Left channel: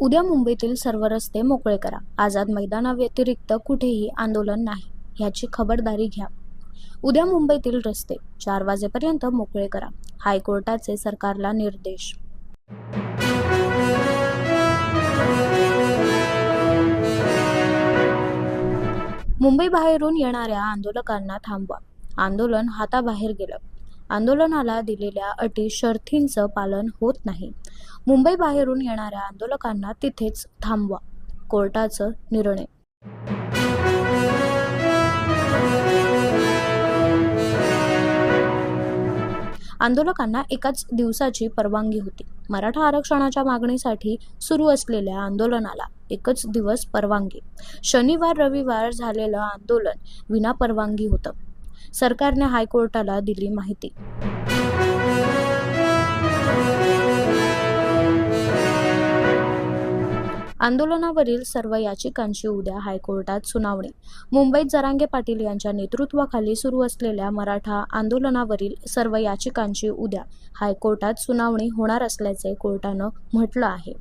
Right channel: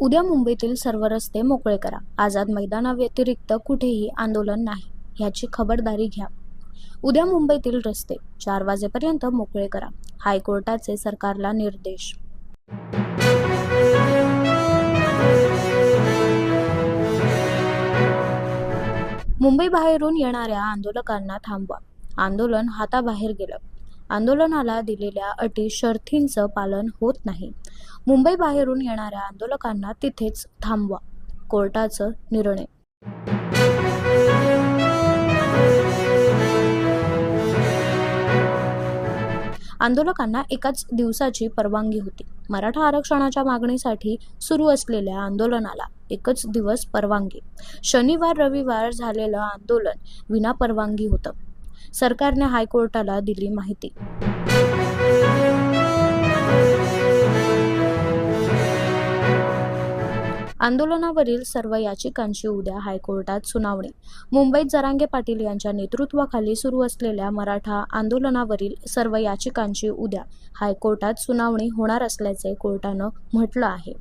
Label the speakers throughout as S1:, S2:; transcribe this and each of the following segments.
S1: उद्या मुंबईतील सर्व रस्ते मोकळे करा. आझाद मैदानाव्यतिरिक्त कुठेही आंदोलन नाही ह्याची खबरदारी घ्या. उद्या मुंबईतील रस्ते चार वाजेपर्यंत मोकळे करा. हायकोर्टाचे सरकारला निर्देश. मुंबई बाहेरून येणाऱ्या आंदोलकांना थांबवा. आंदोलन हाताबाहेर गेलं. आंदोलनाला दिलेल्या अटी शर्थींचं पालन होत नाही. मुंबई बाहेरून येणाऱ्या आंदोलकांना तिथेच थांबवा. कोर्टाचं निर्णय. आंदोलकांना एकाच दिवसाची परवानगी होती. मराठा आरक्षणाच्या मागणीसाठी सुरू असलेल्या आंदोलनाला एकच दिवस परवानगी. शनिवार रविवार झालेलं आंदोलन विना परवानगी होतं. सरकारने हायकोर्टाला दिली माहिती. आंदोलनावरील सर्व याचिकांची उद्या हायकोर्टात सुनावणी. मुंबईत जरांगे पाटील यांच्या नेतृत्वाखाली सुरू असलेल्या मराठा आंदोलनावरील सर्व याचिकांची उद्या हायकोर्टात सुनावणी होणार असल्याचे कोर्टानं म्हटलं आहे.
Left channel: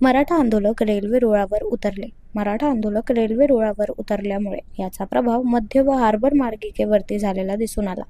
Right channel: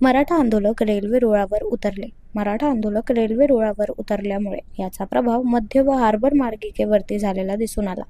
S1: मराठा आंदोलक रेल्वे रुळावर उतरले. मराठा आंदोलक रेल्वे रुळावर उतरल्यामुळे याचा प्रभाव मध्य व हार्बर मार्गिकेवरती झालेला दिसून आला.